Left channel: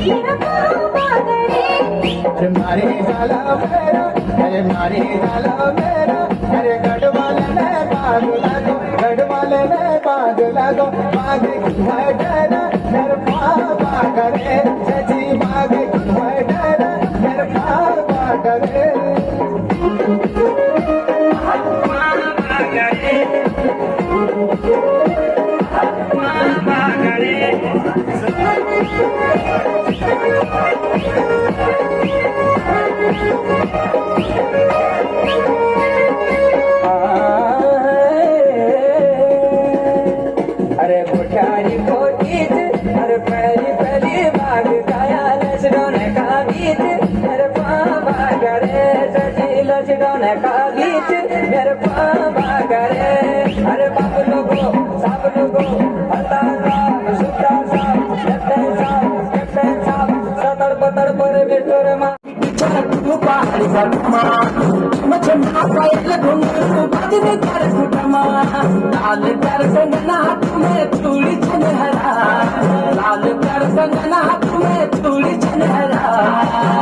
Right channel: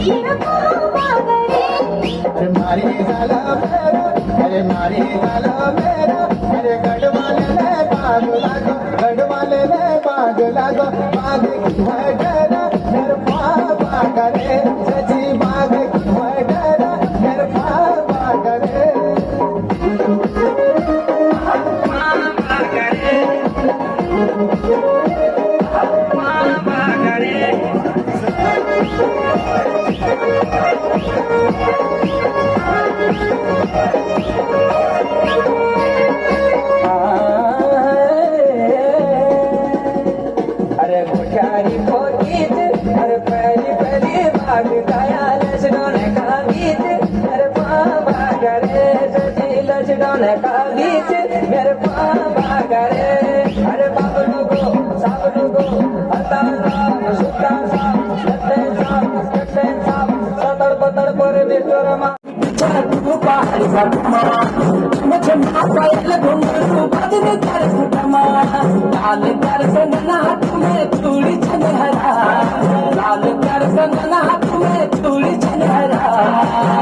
अरे मारी झाला मेरा, अरे मारी झाला मेरा, अरे गडवाले ने बांध लागो, गडवाले ने बांध लागो, बांध वडेरा मेरे पापा करे, सची बांध वडेरा मेरे पापा करे, अरे मोठारी पोतीत, अरे पहली पहली बाग गाया लचगावने का गीत, मेरे पापा करे, सची लचगावने का गीत, मेरे पापा करे, अरे बाप लोगो, सब लोगो, हता साप, सुता साप, कट्टे साप, सतर पतर पर बिटोर मा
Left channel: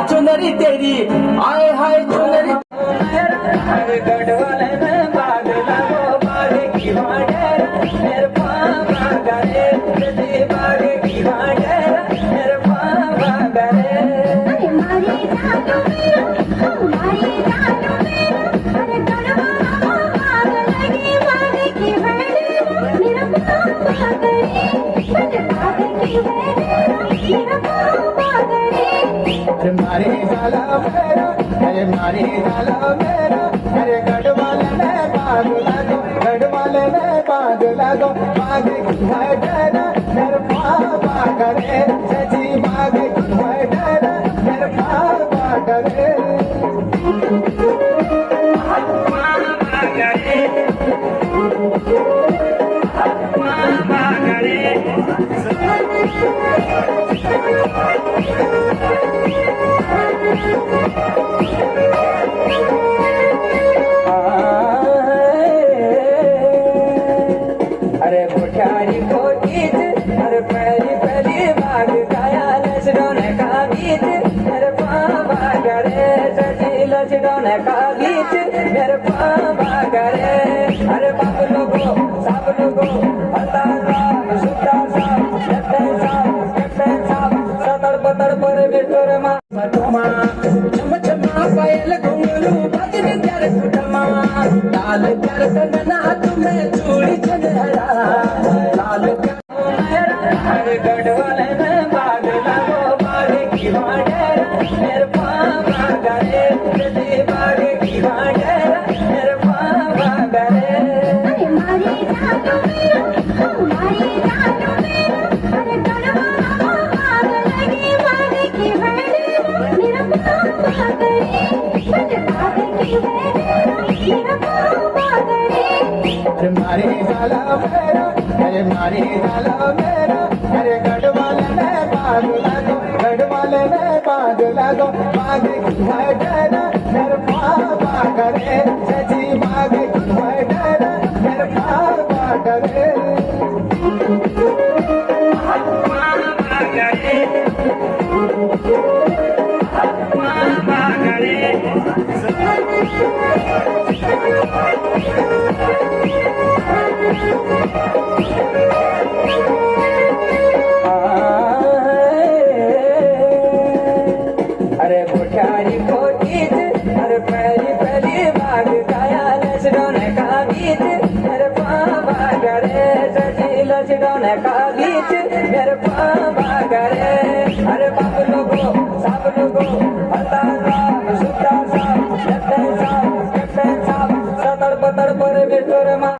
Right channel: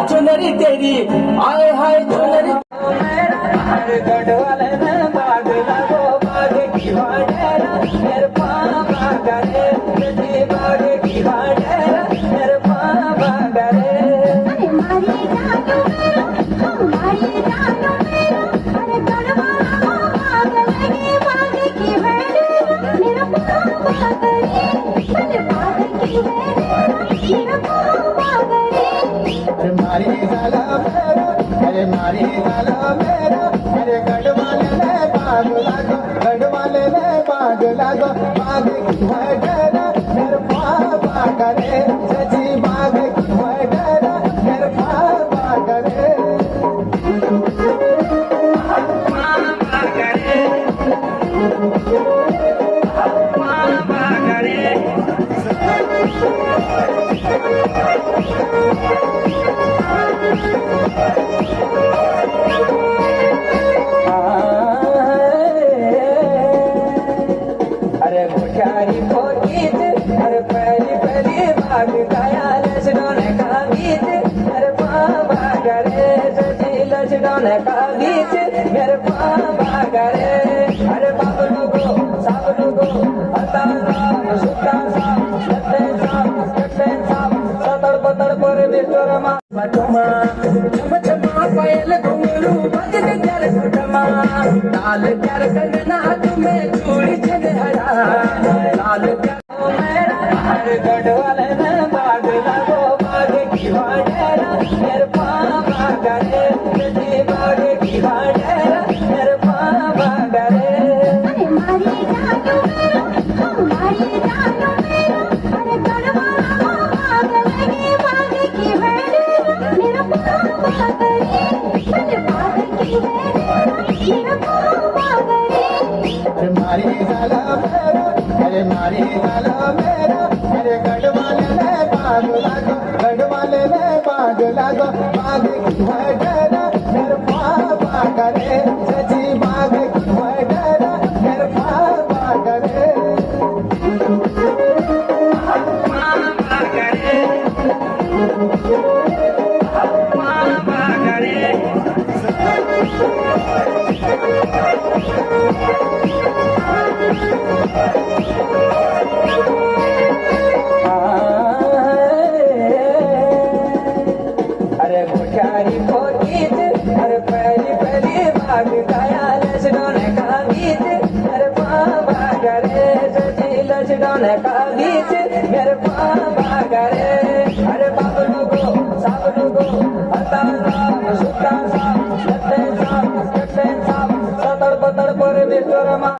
चुनरी तेरी आए हाय चुनरी गढ़वाले में बाग लागो बाग की वाडेरा मेरे पापा करे जदी बाग की वाडेरा मेरे पापा करे अरे मारी झाला मेरा, अरे मारी झाला मेरा, अरे गडवाले ने बांध लागो, गडवाले ने बांध लागो, बांध वडेरा मेरे पापा करे, सची बांध वडेरा मेरे पापा करे, अरे मोठारी पोतीत, अरे पहली पहली बाग गाया लचगावने का गीत, मेरे पापा करे, सची लचगावने का गीत, मेरे पापा करे, अरे बाप लोगो, सब लोगो, हता साप, सुता साप, कट्टे साप, सतर पतर पर बिटोर मा पैल घुंगरू बदल कर कुटमा लाल प्यार कंगना तुम्हें चूड़ी चंदरा लाल प्यार गढ़वाले में बाग लागो बाग की वाडेरा मेरे पापा करे जदी बाग की वाडेरा मेरे पापा करे अरे मारी झाला मेरा, अरे मारी झाला मेरा, अरे गडवाले ने बांध लागो, गडवाले ने बांध लागो, बांध वडेरा मेरे पापा करे, सची बांध वडेरा मेरे पापा करे, अरे मोठारी पोतीत, अरे पहली पहली बाग गाया लचगावने का गीत, मेरे पापा करे, सची लचगावने का गीत, मेरे पापा करे, अरे बाप लोगो, सब लोगो, हता साप, सुता साप, कट्टे साप, सतर पतर पर बिटोर मा